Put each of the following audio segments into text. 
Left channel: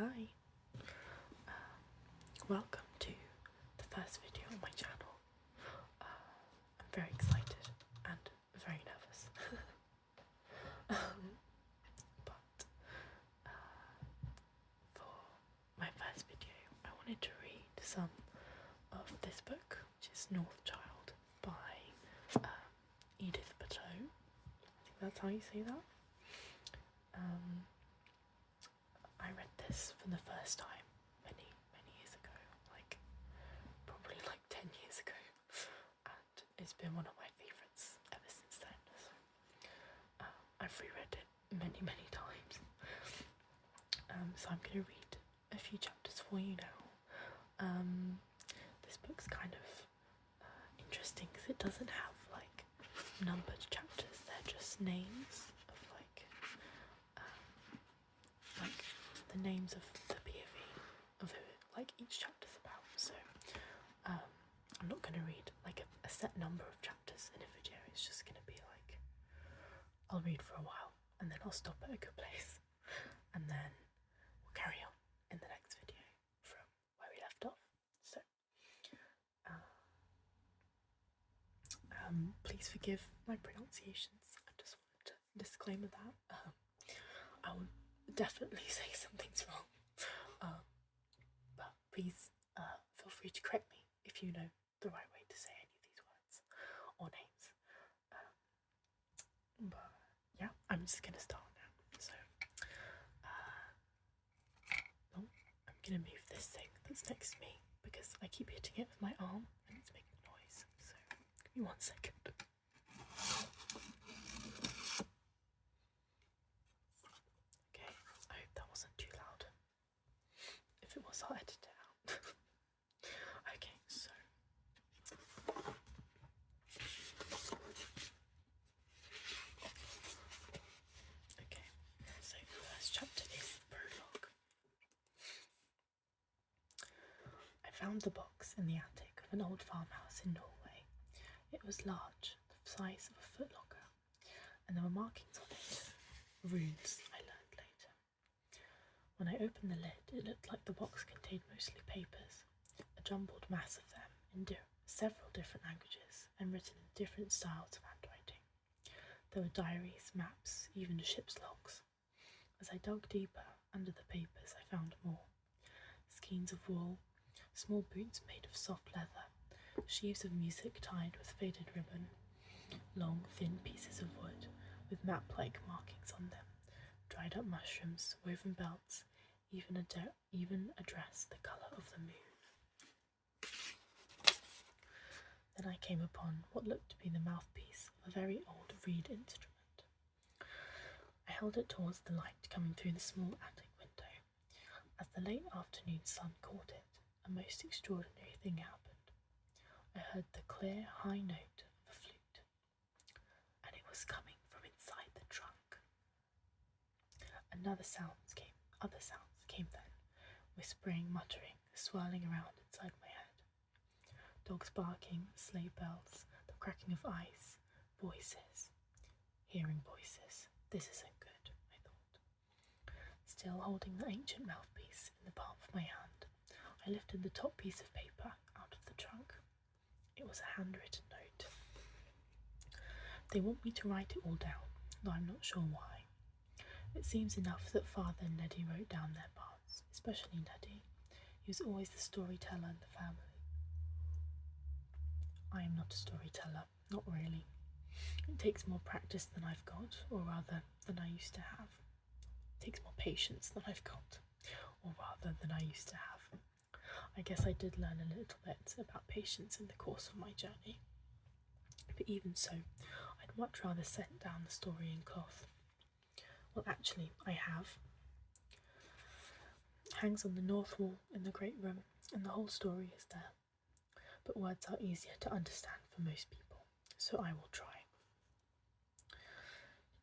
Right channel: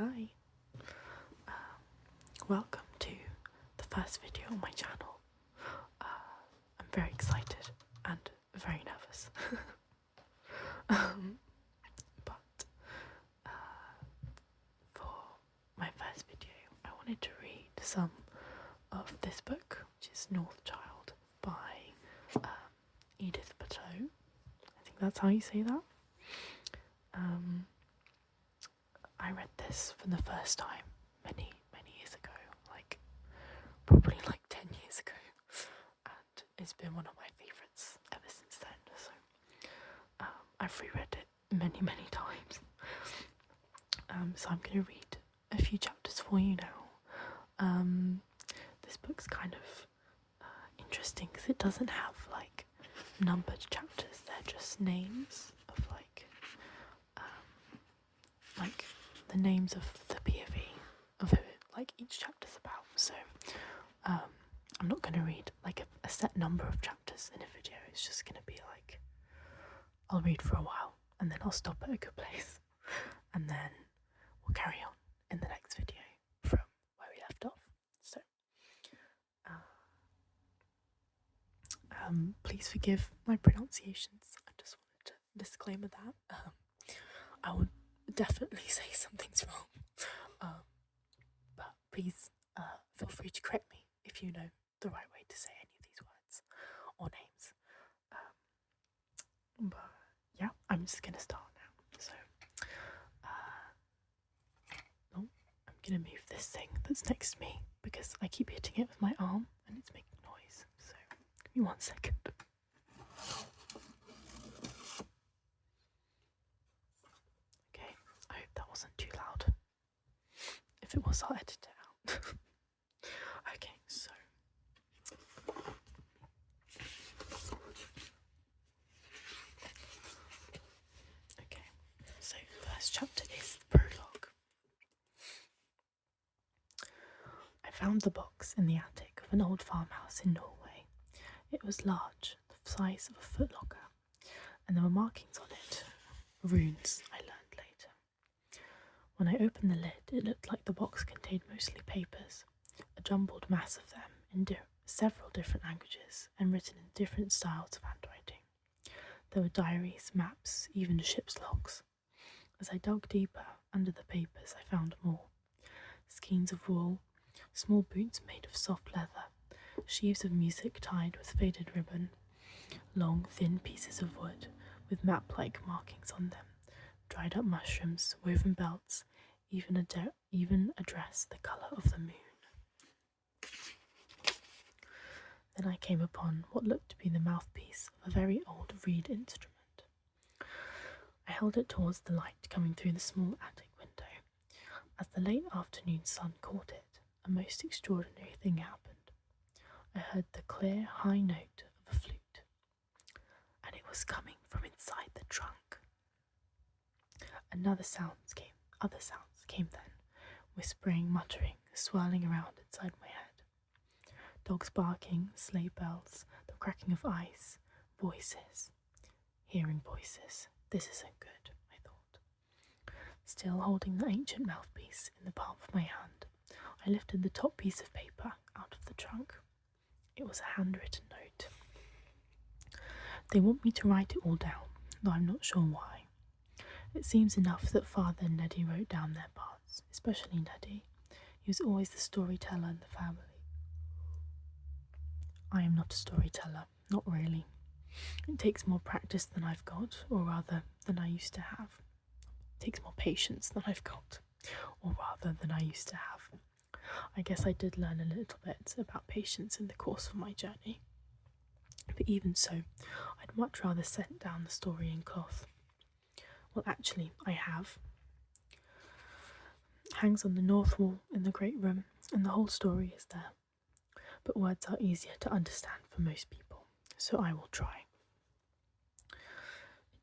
Hi, welcome to the first video on my channel. I'm very excited and very nervous. But for my first video, I wanted to read some of this book, which is North Child by Edith Pattou. I think that's how you say that. I read this for the first time many years ago, probably 10 years ago, and it's been one of my favourites ever since then. So I've reread it many times. So I'm going to read a few chapters for you now. This book's kind of interesting because it doesn't have numbered chapters. They're just names of the names of the POV of who each chapter's about. So I'm not going to read a set number of chapters in a video. It's just going to be I'll read for a while and then I'll stop at a good place and then we'll carry on in the next video from where we left off. So please forgive my pronunciations. I just wanted to disclaimer that I will definitely say something's wrong, but please feel free to correct me if you know the right way to say any of these words or names. But yeah, I'm just gonna start now. So I'm gonna move this thing that's next to me because I keep hitting it with my arm and it's making noise. So give me 1 second. Okay, I hope that wasn't too loud. If it was, I'll edit it out. Okay, so the first chapter is the prologue. I found the box in the attic of an old farmhouse in Norway. It was large, the size of a footlocker, and there were markings on it. Runes, I learned later. When I opened the lid, it looked like the box contained mostly papers, a jumbled mass of them in several different languages and written in different styles of handwriting. There were diaries, maps, even ship's logs. As I dug deeper under the papers, I found more. Skeins of wool, small boots made of soft leather, sheaves of music tied with faded ribbon, long, thin pieces of wood with map-like markings on them, dried up mushrooms, woven belts, even a dress the colour of the moon. Then I came upon what looked to be the mouthpiece of a very old reed instrument. I held it towards the light coming through the small attic window. As the late afternoon sun caught it, a most extraordinary thing happened. I heard the clear, high note of a flute, and it was coming from inside the trunk. Other sounds came then, whispering, muttering, swirling around inside my head. Dogs barking, sleigh bells, the cracking of ice, voices. Hearing voices. This isn't good, I thought. Still holding the ancient mouthpiece in the palm of my hand, I lifted the top piece of paper out of the trunk. It was a handwritten note. They want me to write it all down, though I'm not sure why. It seems enough that Father and Neddy wrote down their parts, especially Neddy. He was always the storyteller in the family. I am not a storyteller, not really. It takes more practice than I've got, or rather, than I used to have. It takes more patience than I've got, or rather, than I used to have. I guess I did learn a little bit about patience in the course of my journey. But even so, I'd much rather set down the story in cloth. Well, actually, I have. It hangs on the north wall in the great room, and the whole story is there. But words are easier to understand for most people, so I will try.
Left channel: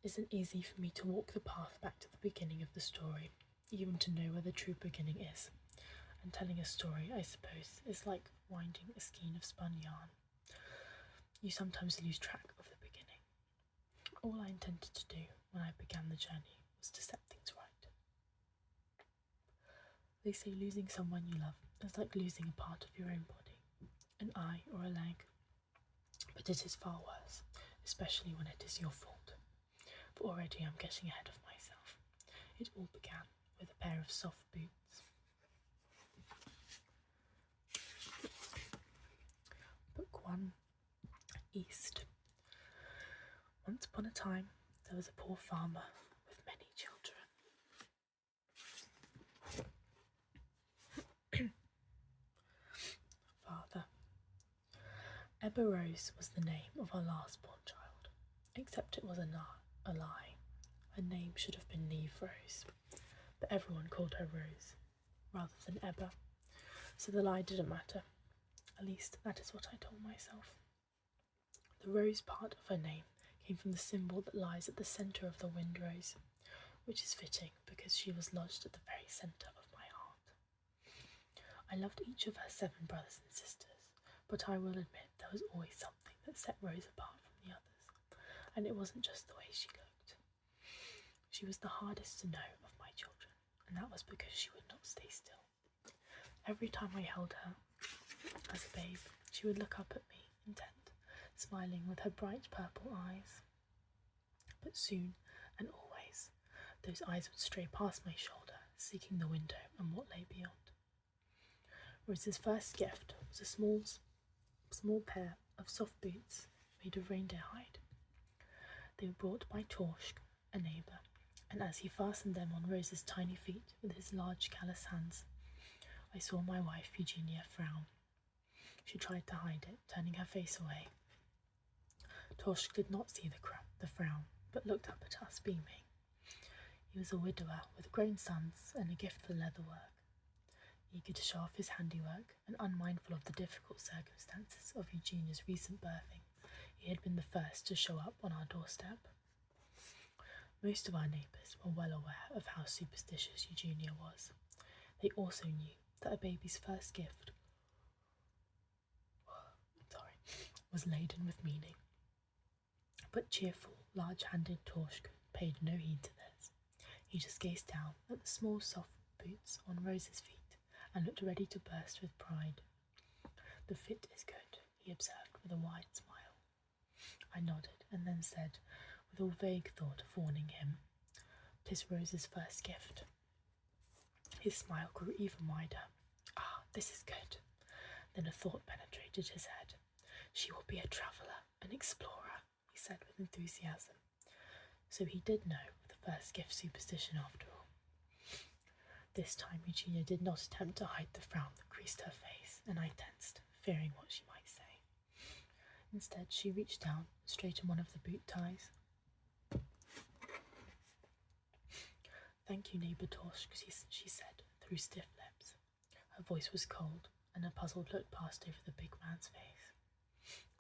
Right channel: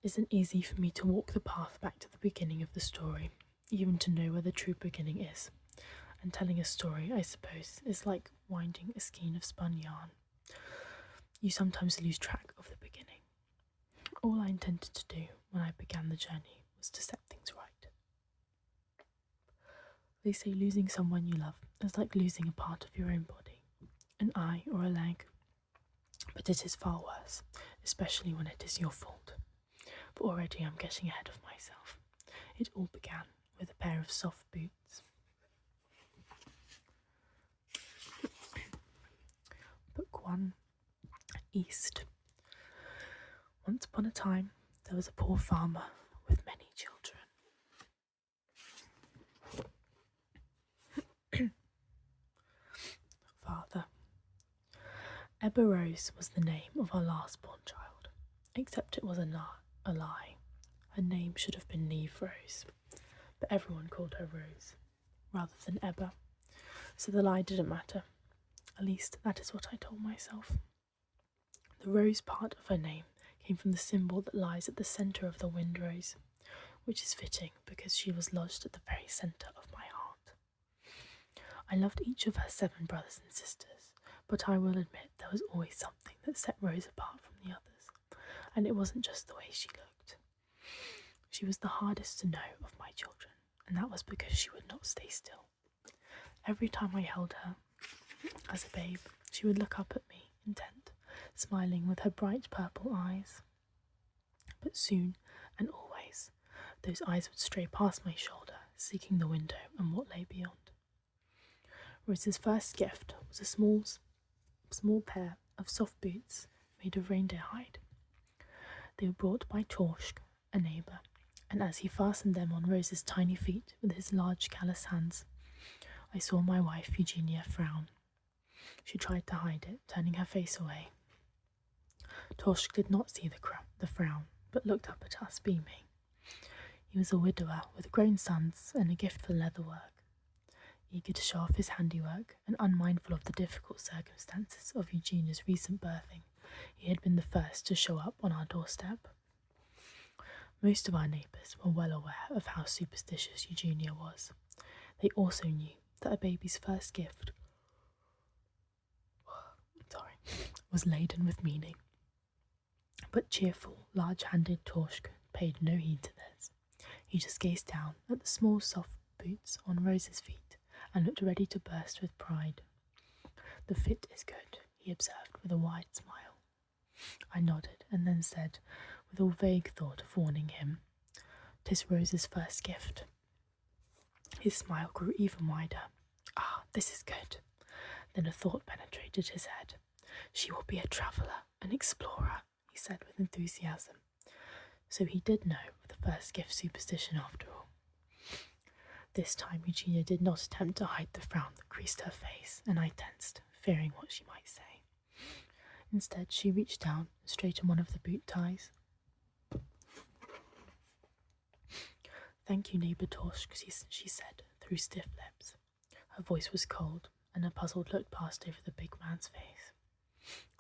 It isn't easy for me to walk the path back to the beginning of the story, even to know where the true beginning is. And telling a story, I suppose, is like winding a skein of spun yarn. You sometimes lose track of the beginning. All I intended to do when I began the journey was to set things right. They say losing someone you love is like losing a part of your own body, an eye or a leg. But it is far worse, especially when it is your fault. But already I'm getting ahead of myself. It all began with a pair of soft boots. Book 1. East. Once upon a time, there was a poor farmer with many children. Father. Ebba Rose was the name of our last born child, except it was a lie. Her name should have been Neve Rose, but everyone called her Rose, rather than Ebba, so the lie didn't matter. At least that is what I told myself. The rose part of her name came from the symbol that lies at the centre of the wind rose, which is fitting because she was lodged at the very centre of my heart. I loved each of her 7 brothers and sisters, but I will admit there was always something that set Rose apart from the others, and it wasn't just the way she looked. She was the hardest to know of my children, and that was because she would not stay still. Every time I held her, as a babe, she would look up at me, intent, smiling with her bright purple eyes. But soon, and always, those eyes would stray past my shoulder, seeking the window and what lay beyond. Rose's first gift was a small pair of soft boots made of reindeer hide. They were brought by Torsk, a neighbour, and as he fastened them on Rose's tiny feet with his large callous hands, I saw my wife Eugenia frown. She tried to hide it, turning her face away. Torsk did not see the frown, but looked up at us, beaming. He was a widower with grown sons and a gift for leatherwork. Eager to show off his handiwork, and unmindful of the difficult circumstances of Eugenia's recent birthing, he had been the first to show up on our doorstep. Most of our neighbours were well aware of how superstitious Eugenia was. They also knew that a baby's first gift was laden with meaning. But cheerful, large-handed Torsk paid no heed to this. He just gazed down at the small, soft boots on Rose's feet and looked ready to burst with pride. "The fit is good," he observed with a wide smile. I nodded and then said, with a vague thought of warning him, "'Tis Rose's first gift." His smile grew even wider. "Ah, this is good." Then a thought penetrated his head. "She will be a traveller, an explorer," he said with enthusiasm. So he did know of the first gift superstition after all. This time Eugenia did not attempt to hide the frown that creased her face, and I tensed, fearing what she might say. Instead, she reached down and straightened one of the boot ties. "Thank you, neighbour Torsk," she said, through stiff lips. Her voice was cold, and a puzzled look passed over the big man's face.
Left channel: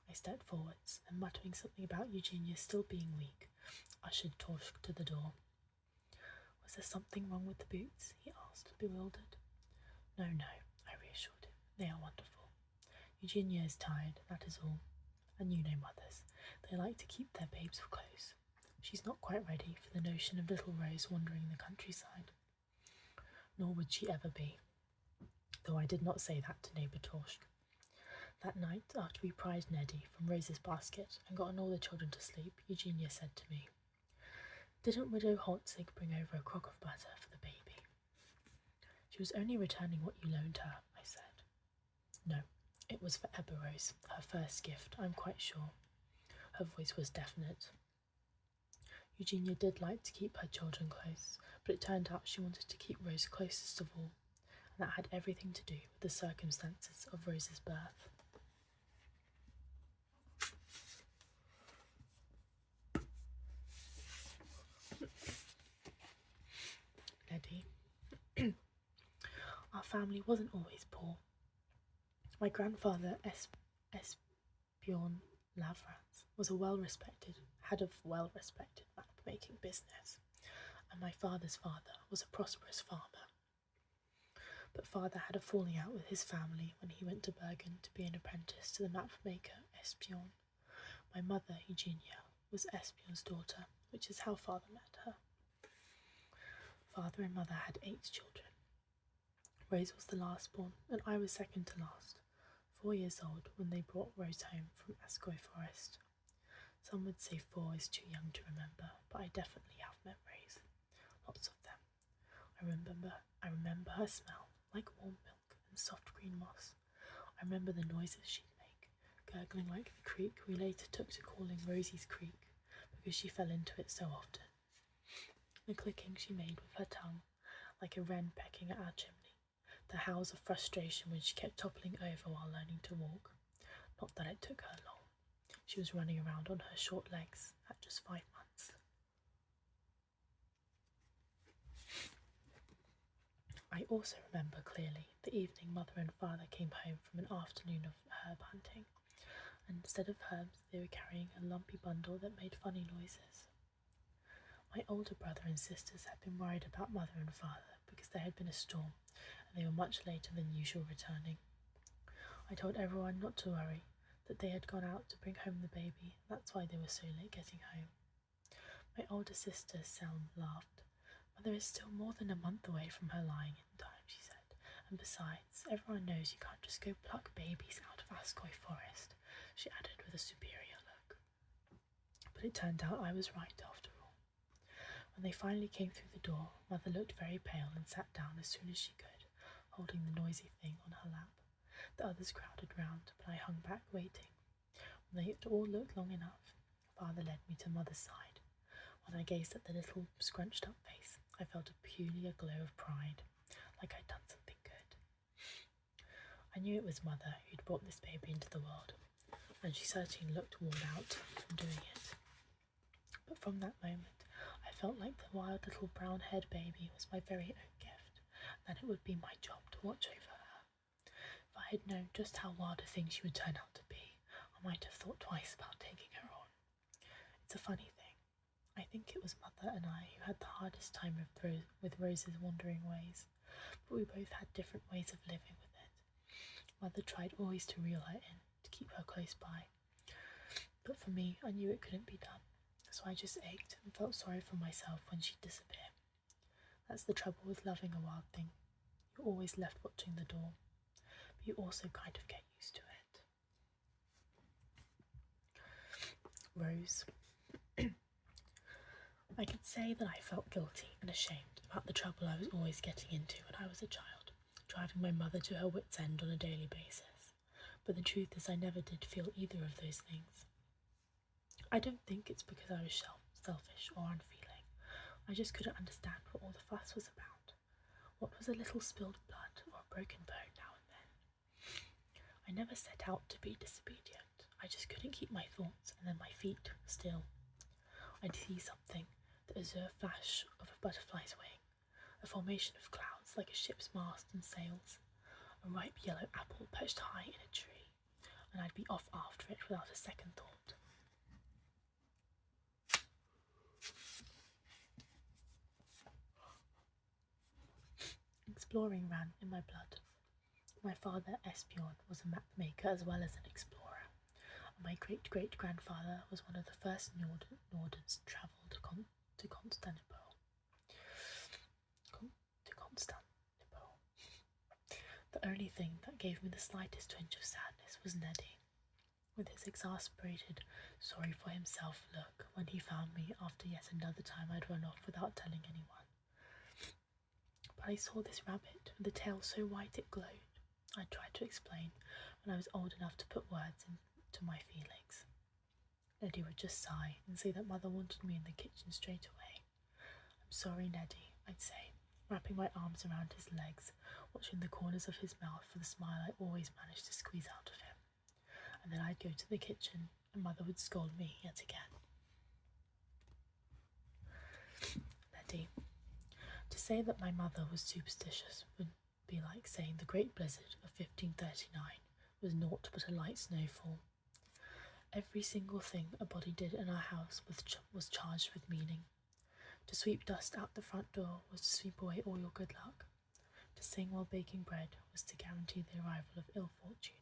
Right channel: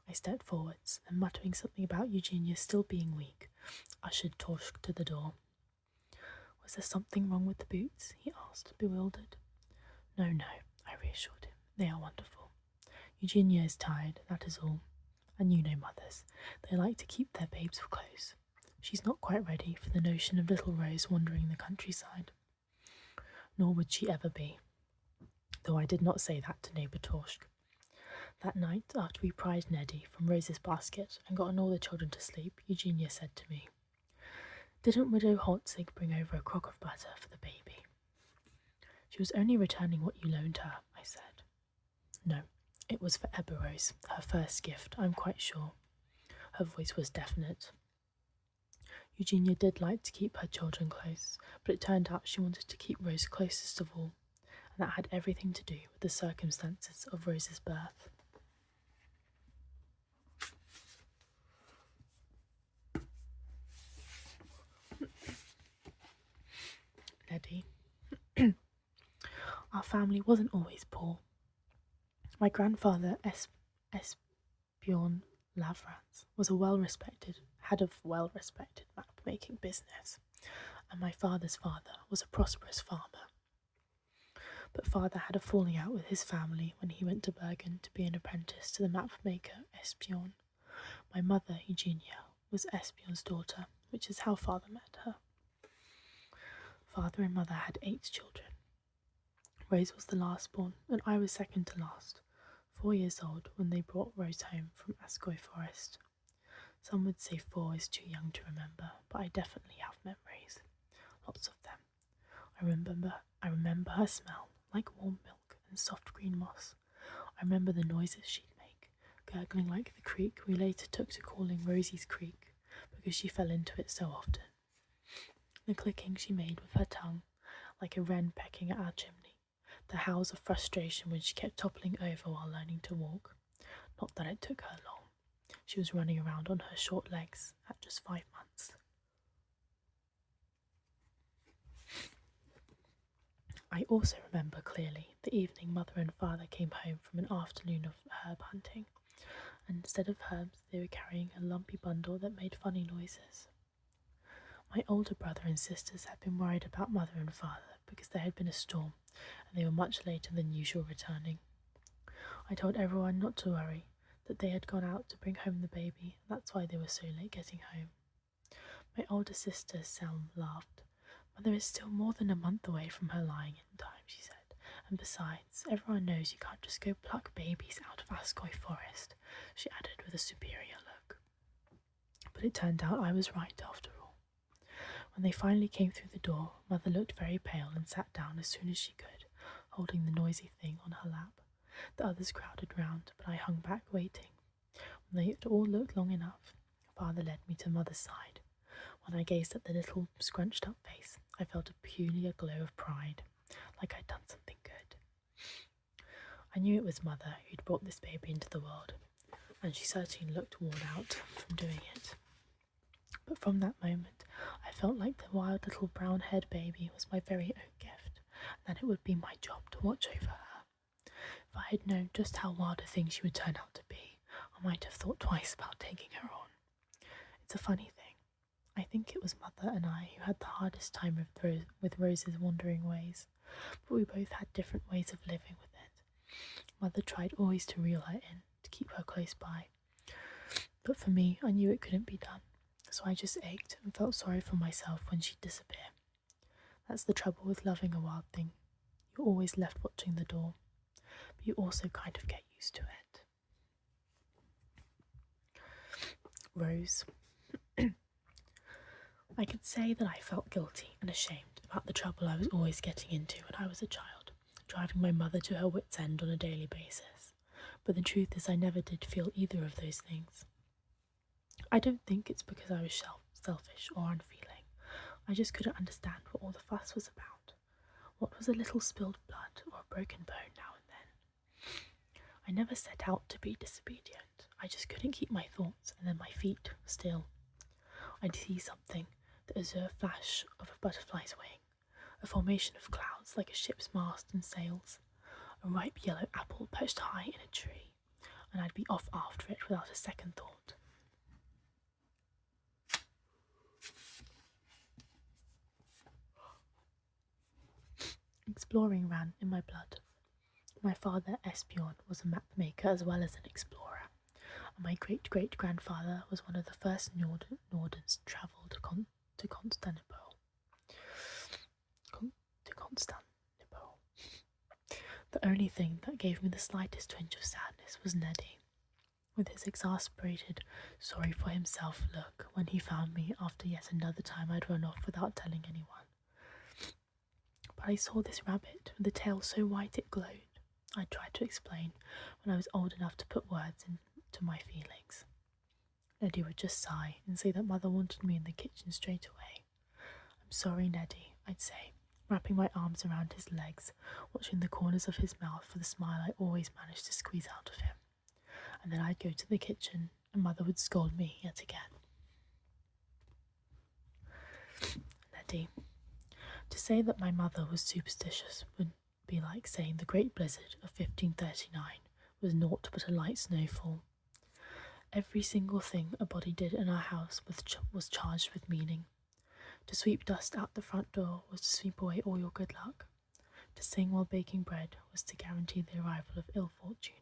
I stepped forwards, and muttering something about Eugenia still being weak, ushered Torsk to the door. "Was there something wrong with the boots?" he asked, bewildered. No, I reassured him. "They are wonderful. Eugenia is tired, that is all. And you know mothers, they like to keep their babes close. She's not quite ready for the notion of little Rose wandering the countryside. Nor would she ever be, though I did not say that to neighbour Torsk. That night, after we pried Neddy from Rose's basket and gotten all the children to sleep, Eugenia said to me, "Didn't Widow Holtzig bring over a crock of butter for the baby?" "She was only returning what you loaned her," I said. "No, it was for Ebba Rose, her first gift, I'm quite sure." Her voice was definite. Eugenia did like to keep her children close, but it turned out she wanted to keep Rose closest of all, and that had everything to do with the circumstances of Rose's birth. Neddy. Our family wasn't always poor. My grandfather, Esbjorn Lavrans, had a well-respected map-making business, and my father's father was a prosperous farmer. But father had a falling out with his family when he went to Bergen to be an apprentice to the map-maker Esbjorn. My mother, Eugenia, was Esbjorn's daughter, which is how father met her. Father and mother had 8 children. Rose was the last born, and I was second to last, 4 years old when they brought Rose home from Ascoy Forest. Some would say 4 is too young to remember, but I definitely have memories, lots of them. I remember her smell, like warm milk and soft green moss. I remember the noises she'd make, gurgling like the creek we later took to calling Rosie's Creek, because she fell into it so often. The clicking she made with her tongue, like a wren pecking at our chimney. The howls of frustration when she kept toppling over while learning to walk. Not that it took her long. She was running around on her short legs at just 5 months. I also remember clearly the evening Mother and Father came home from an afternoon of herb hunting, and instead of herbs they were carrying a lumpy bundle that made funny noises. My older brother and sisters had been worried about Mother and Father because there had been a storm and they were much later than usual returning. I told everyone not to worry, that they had gone out to bring home the baby, that's why they were so late getting home. My older sister, Selm, laughed. Mother is still more than a month away from her lying in time, she said, and besides, everyone knows you can't just go pluck babies out of Ascoy Forest, she added with a superior look. But it turned out I was right after all. When they finally came through the door, Mother looked very pale and sat down as soon as she could, holding the noisy thing on her lap. The others crowded round, but I hung back waiting. When they had all looked long enough, Father led me to Mother's side. When I gazed at the little scrunched-up face, I felt a peculiar glow of pride, like I'd done something good. I knew it was Mother who'd brought this baby into the world, and she certainly looked worn out from doing it. But from that moment, I felt like the wild little brown-haired baby was my very own gift, and that it would be my job to watch over her. If I had known just how wild a thing she would turn out to be, I might have thought twice about taking her on. It's a funny thing. I think it was Mother and I who had the hardest time with Rose's wandering ways, but we both had different ways of living with it. Mother tried always to reel her in, to keep her close by, but for me, I knew it couldn't be done, so I just ached and felt sorry for myself when she'd disappear. That's the trouble with loving a wild thing. You're always left watching the door, but you also kind of get used to it. Rose. I could say that I felt guilty and ashamed about the trouble I was always getting into when I was a child, driving my mother to her wits' end on a daily basis. But the truth is I never did feel either of those things. I don't think it's because I was selfish or unfeeling. I just couldn't understand what all the fuss was about. What was a little spilled blood or a broken bone now and then? I never set out to be disobedient. I just couldn't keep my thoughts and then my feet still. I'd see something that was a flash of a butterfly's wing, a formation of clouds like a ship's mast and sails, a ripe yellow apple perched high in a tree, and I'd be off after it without a second thought. Exploring ran in my blood. My father, Esbjorn, was a map maker as well as an explorer, and my great-great-grandfather was one of the first Nordens to travel to Constantinople. The only thing that gave me the slightest twinge of sadness was Neddy, with his exasperated, sorry for himself look when he found me after yet another time I'd run off without telling anyone. But I saw this rabbit with a tail so white it glowed. I tried to explain when I was old enough to put words into my feelings. Neddy would just sigh and say that Mother wanted me in the kitchen straight away. I'm sorry, Neddy, I'd say, wrapping my arms around his legs, watching the corners of his mouth for the smile I always managed to squeeze out of him. And then I'd go to the kitchen and Mother would scold me yet again. Neddy. To say that my mother was superstitious would be like saying the Great Blizzard of 1539 was naught but a light snowfall. Every single thing a body did in our house was charged with meaning. To sweep dust out the front door was to sweep away all your good luck. To sing while baking bread was to guarantee the arrival of ill fortune.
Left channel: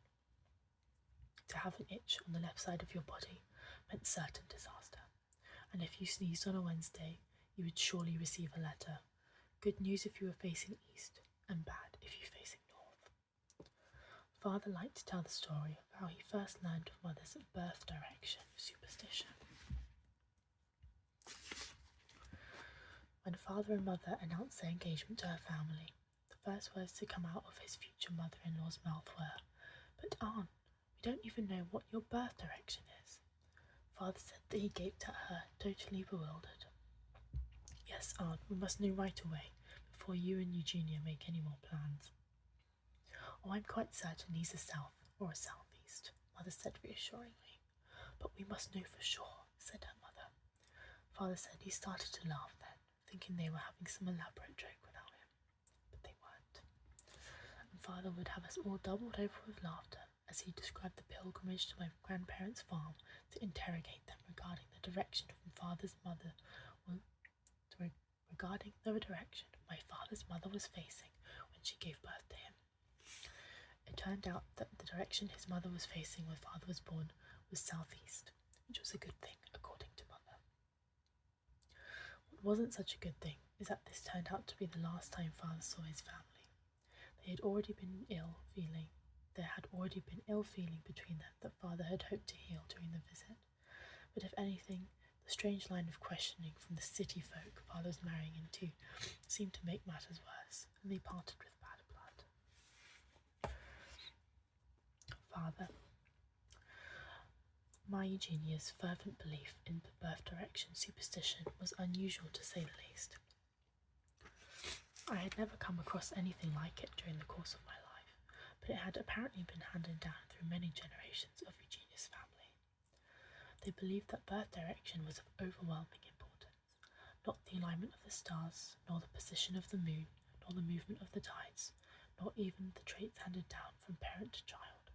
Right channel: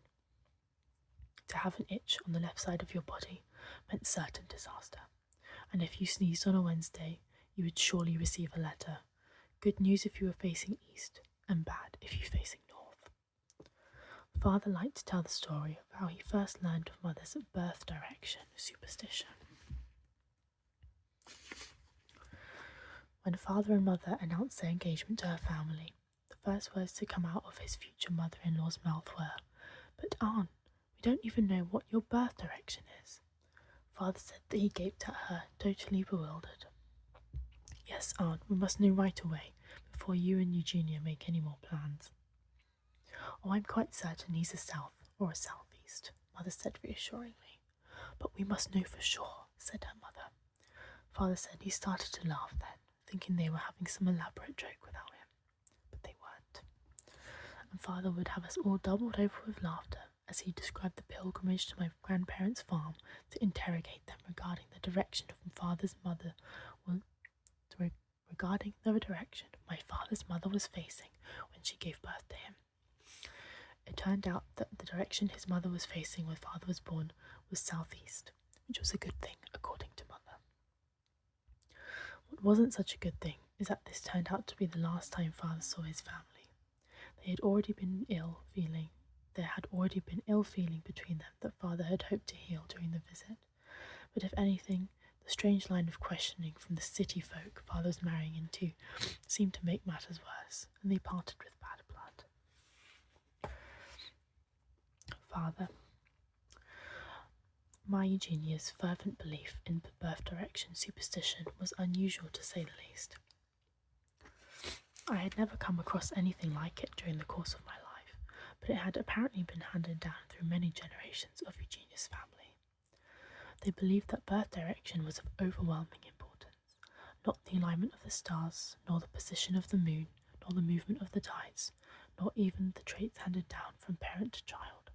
To have an itch on the left side of your body meant certain disaster, and if you sneezed on a Wednesday, you would surely receive a letter. Good news if you were facing east, and bad if you're facing north. Father liked to tell the story of how he first learned of Mother's birth direction superstition. When Father and Mother announced their engagement to her family, the first words to come out of his future mother-in-law's mouth were, "But Aunt, we don't even know what your birth direction is." Father said that he gaped at her, totally bewildered. "Yes, Aunt, we must know right away, before you and Eugenia make any more plans." "Oh, I'm quite certain he's a south or a southeast," Mother said reassuringly. "But we must know for sure," said her mother. Father said he started to laugh then, thinking they were having some elaborate joke without him. But they weren't. And Father would have us all doubled over with laughter as he described the pilgrimage to my grandparents' farm to interrogate them regarding the direction of my father's mother was facing when she gave birth to him. It turned out that the direction his mother was facing when Father was born was southeast, which was a good thing, according to Mother. What wasn't such a good thing is that this turned out to be the last time Father saw his family. There had already been ill feeling between them that Father had hoped to heal during the visit. But if anything, the strange line of questioning from the city folk Father was marrying into seemed to make matters worse, and they parted with bad blood. Father, my Eugenia's fervent belief in birth direction superstition was unusual to say the least. I had never come across anything like it during the course of my life, but it had apparently been handed down through many generations of Eugenia's family. They believed that birth direction was of overwhelming importance, not the alignment of the stars, nor the position of the moon, nor the movement of the tides, nor even the traits handed down from parent to child.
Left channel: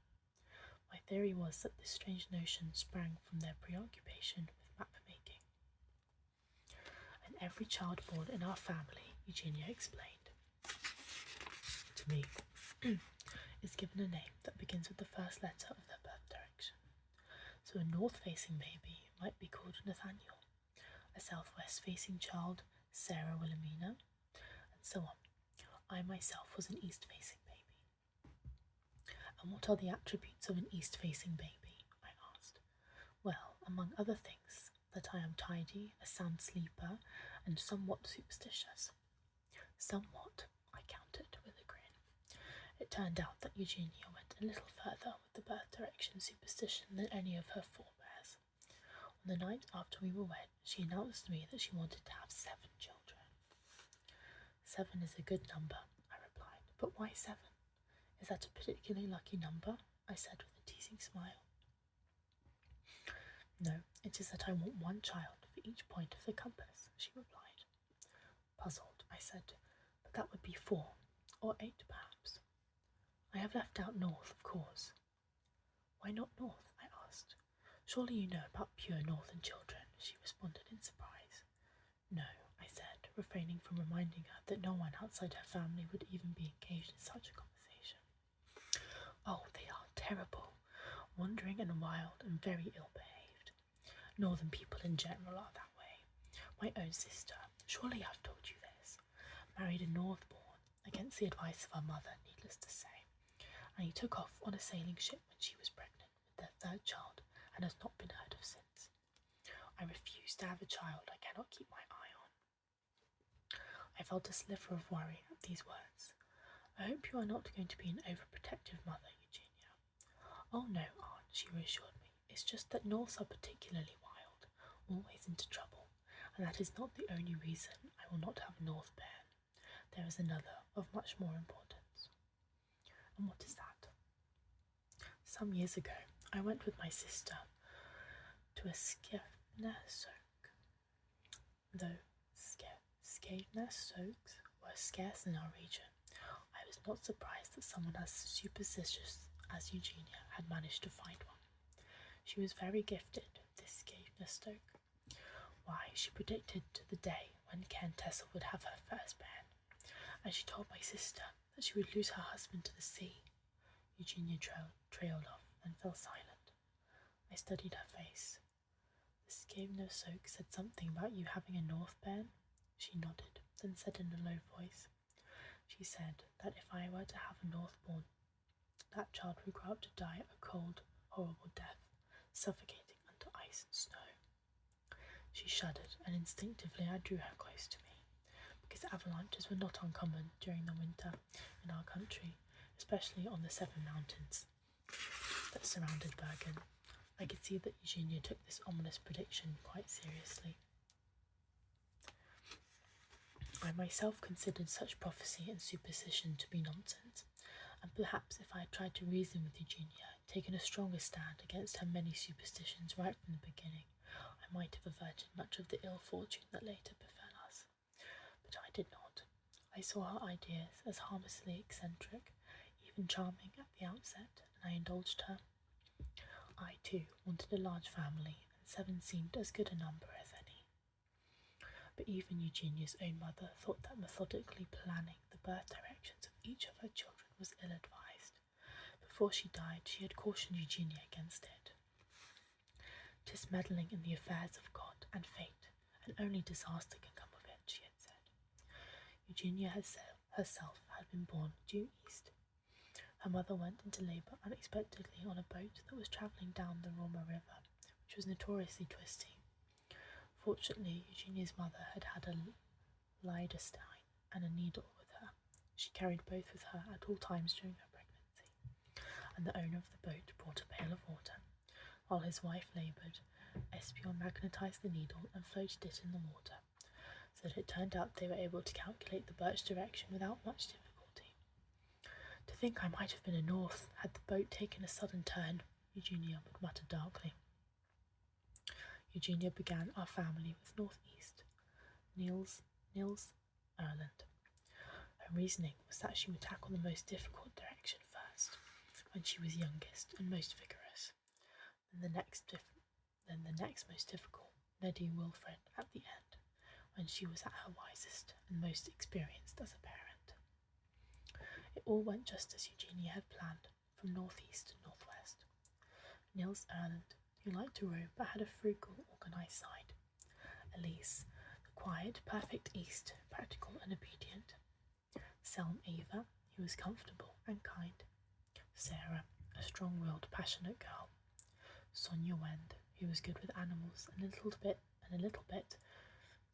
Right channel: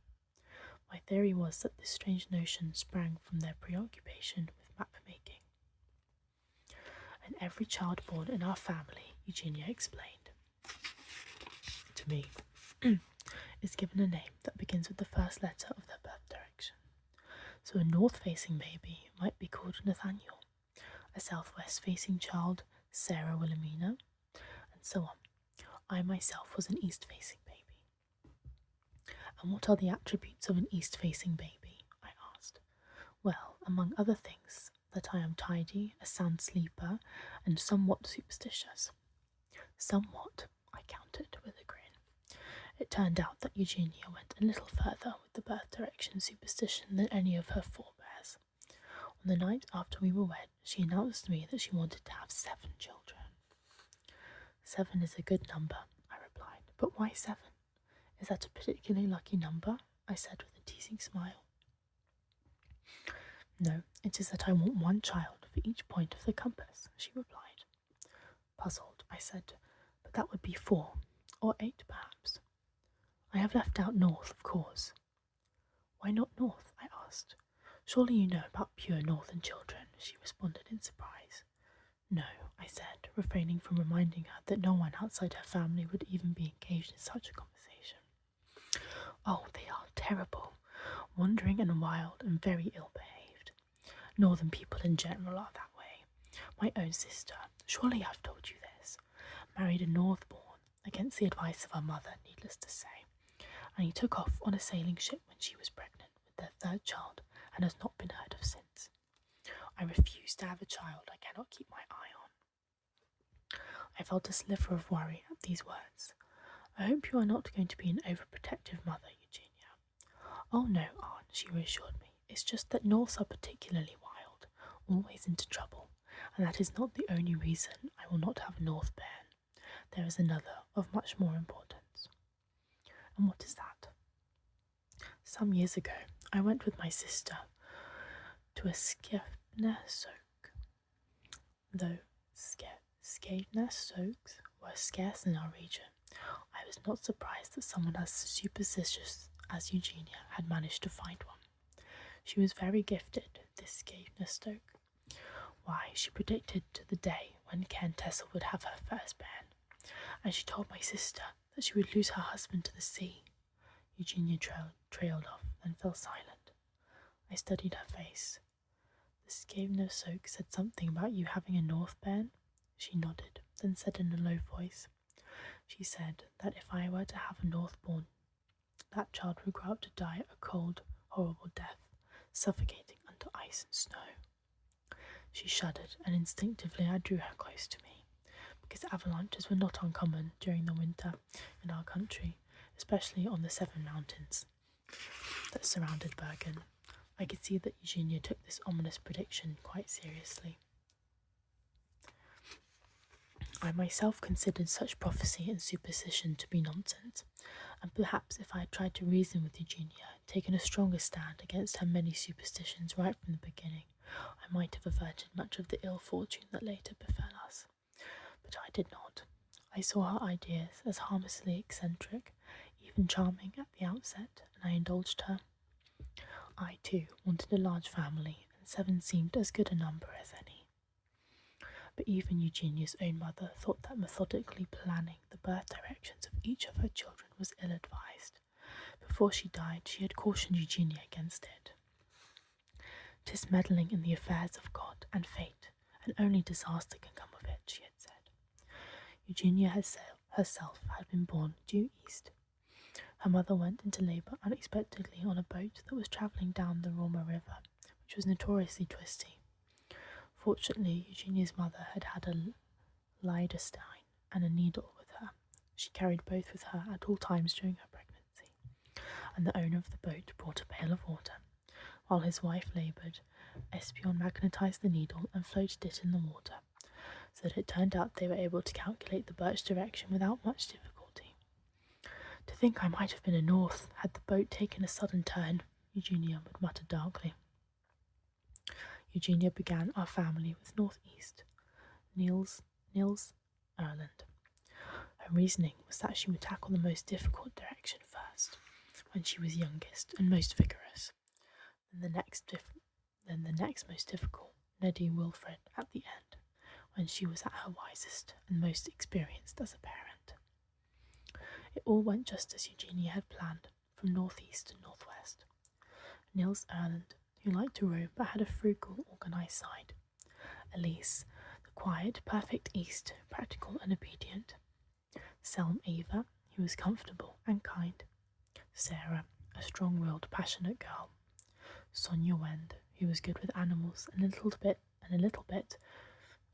My theory was that this strange notion sprang from their preoccupation with map making. And every child born in our family, Eugenia explained to me, is given a name that begins with the first letter of their birth direction. So a north-facing baby might be called Nathaniel, a southwest-facing child, Sarah Wilhelmina, and so on. I myself was an east-facing baby. "And what are the attributes of an east-facing baby?" I asked. "Well, among other things, that I am tidy, a sound sleeper, and somewhat superstitious." "Somewhat," I countered with a grin. It turned out that Eugenia went a little further with the birth direction superstition than any of her forebears. On the night after we were wed, she announced to me that she wanted to have 7 children. "7 is a good number," I replied. "But why 7? Is that a particularly lucky number?" I said with a teasing smile. "No, it is that I want 1 child for each point of the compass," she replied. Puzzled, I said, "But that would be 4, or 8 perhaps." "I have left out north, of course." "Why not north?" I asked. "Surely you know about pure northern children," she responded in surprise. "No," I said, refraining from reminding her that no one outside her family would even be engaged in such a conversation. "Oh, they are terrible, wandering and wild and very ill-behaved. Northern people in general are that way. My own sister, surely I've told you this, married a Northborn, against the advice of her mother, needless to say, and he took off on a sailing ship when she was pregnant with their 3rd child and has not been heard of since. I refuse to have a child I cannot keep my eye on." I felt a sliver of worry at these words. "I hope you are not going to be an overprotective mother, Eugenia." "Oh no, Aunt," she reassured me. "It's just that Norths are particularly wild, always into trouble, and that is not the only reason I will not have a North bairn. There is another of much more importance." "And what is that?" "Some years ago, I went with my sister to a Skegness soak. Though Skegness soaks were scarce in our region, I was not surprised that someone as superstitious as Eugenia had managed to find one. She was very gifted, this Skegness Stoke. Why, she predicted to the day when Tessa would have her first bairn, and she told my sister that she would lose her husband to the sea." Eugenia trailed off and fell silent. I studied her face. "The Skegness Soak said something about you having a North bairn?" She nodded, then said in a low voice, "She She said that if I were to have a Northborn, that child would grow up to die a cold, horrible death, suffocating under ice and snow. She shuddered, and instinctively I drew her close to me, because avalanches were not uncommon during the winter in our country, especially on the 7 mountains that surrounded Bergen. I could see that Eugenia took this ominous prediction quite seriously. I myself considered such prophecy and superstition to be nonsense, and perhaps if I had tried to reason with Eugenia, taken a stronger stand against her many superstitions right from the beginning, I might have averted much of the ill fortune that later befell us. But I did not. I saw her ideas as harmlessly eccentric, even charming at the outset, and I indulged her. I, too, wanted a large family, and 7 seemed as good a number as any. But even Eugenia's own mother thought that methodically planning the birth directions of each of her children was ill-advised. Before she died, she had cautioned Eugenia against it. "'Tis meddling in the affairs of God and fate, and only disaster can come of it," she had said. Eugenia herself had been born due east. Her mother went into labour unexpectedly on a boat that was travelling down the Roma River, which was notoriously twisty. Fortunately, Eugenia's mother had a Liederstein and a needle with her. She carried both with her at all times during her pregnancy, and the owner of the boat brought a pail of water. While his wife laboured, Espion magnetised the needle and floated it in the water, so that it turned out they were able to calculate the birch direction without much difficulty. "To think I might have been a north, had the boat taken a sudden turn," Eugenia would mutter darkly. Eugenia began our family with northeast, Niels Erland. Her reasoning was that she would tackle the most difficult direction first, when she was youngest and most vigorous, then the next most difficult, Neddy Wilfred, at the end, when she was at her wisest and most experienced as a parent. It all went just as Eugenia had planned, from northeast to northwest. Niels Erland, who liked to roam but had a frugal, organised side. Elise, the quiet, perfect east, practical and obedient. Selm Eva, who was comfortable and kind. Sarah, a strong-willed, passionate girl. Sonia Wend, who was good with animals and a little bit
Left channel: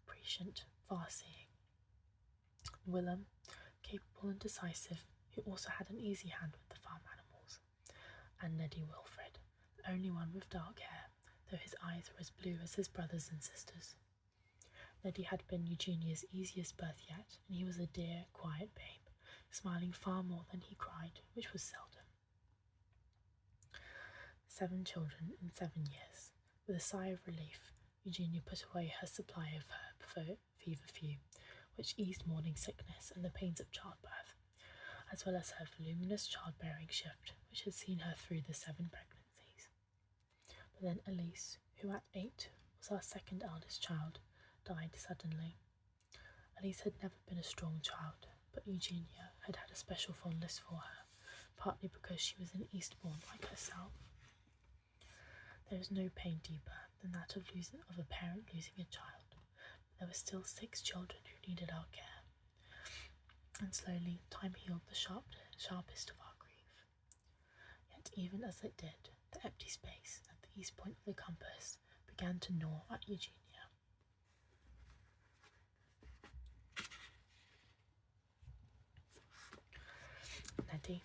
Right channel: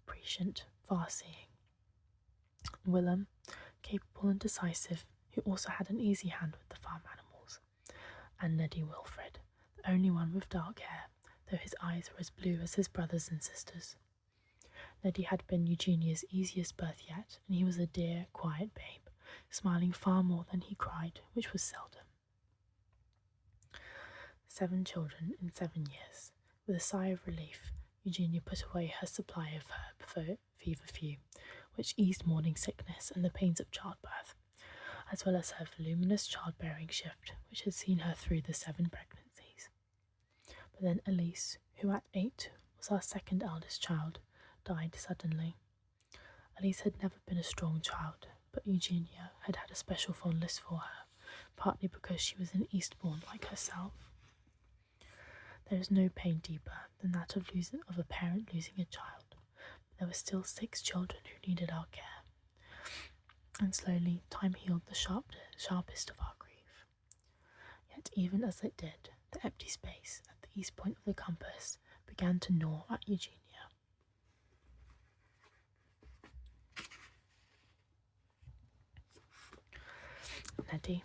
prescient, far-seeing. Willem, capable and decisive, who also had an easy hand with the farm animals. And Neddy Wilfred, the only one with dark hair, though his eyes were as blue as his brothers and sisters. Neddy had been Eugenia's easiest birth yet, and he was a dear, quiet babe, smiling far more than he cried, which was seldom. 7 children in 7 years. With a sigh of relief, Eugenia put away her supply of herb feverfew, which eased morning sickness and the pains of childbirth, as well as her voluminous childbearing shift, which had seen her through the 7 pregnancies. But then Elise, who at 8 was our second eldest child, died suddenly. Elise had never been a strong child, but Eugenia had had a special fondness for her, partly because she was an Eastbourne like herself. There is no pain deeper than that of a parent losing a child, but there were still 6 children who needed our care, and slowly time healed the sharpest of our grief. Yet even as it did, the empty space at the east point of the compass began to gnaw at Eugenia. Neddy.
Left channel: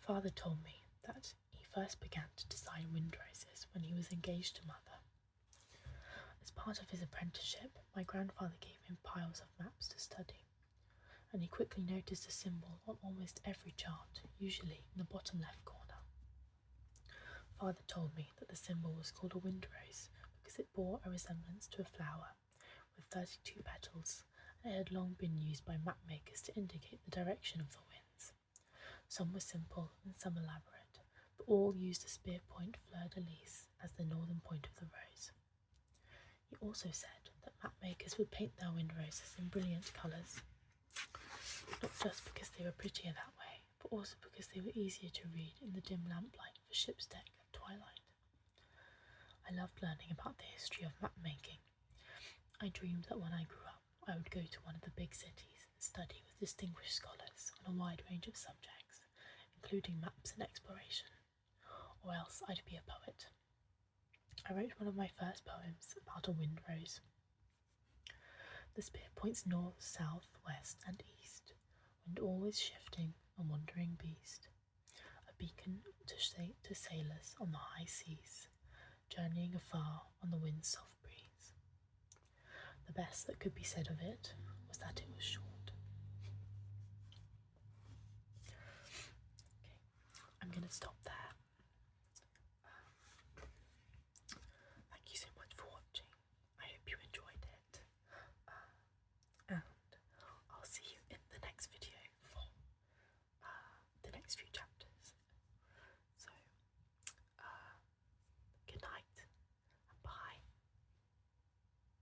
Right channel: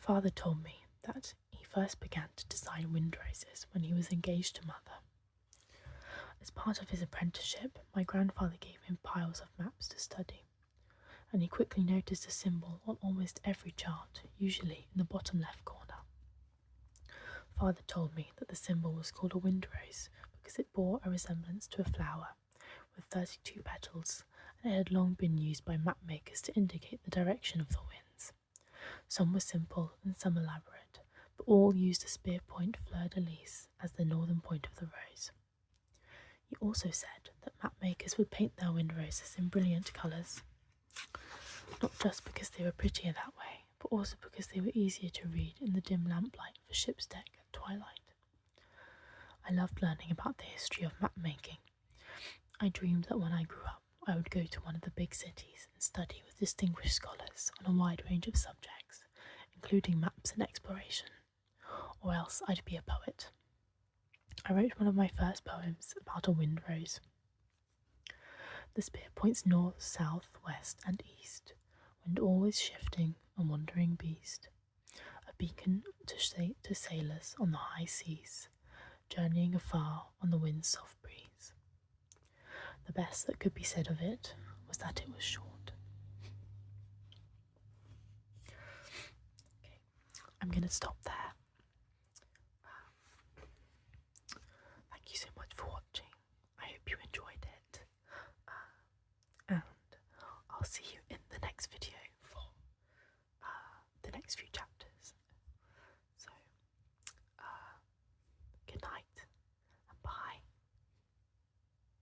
Father told me that he first began to design windroses when he was engaged to Mother. As part of his apprenticeship, my grandfather gave him piles of maps to study, and he quickly noticed a symbol on almost every chart, usually in the bottom left corner. Father told me that the symbol was called a windrose because it bore a resemblance to a flower with 32 petals, and it had long been used by map makers to indicate the direction of the winds. Some were simple and some elaborate, but all used a spear point fleur-de-lis as the northern point of the rose. He also said that map makers would paint their windroses in brilliant colours, not just because they were prettier that way, but also because they were easier to read in the dim lamplight of a ship's deck at twilight. I loved learning about the history of map making. I dreamed that when I grew up, I would go to one of the big cities and study with distinguished scholars on a wide range of subjects, including maps and exploration, or else I'd be a poet. I wrote one of my first poems about a wind rose. The spear points north, south, west, and east, wind always shifting, a wandering beast, a beacon to sailors on the high seas, journeying afar on the wind's soft breeze. The best that could be said of it was that it was short. Okay, I'm going to stop there.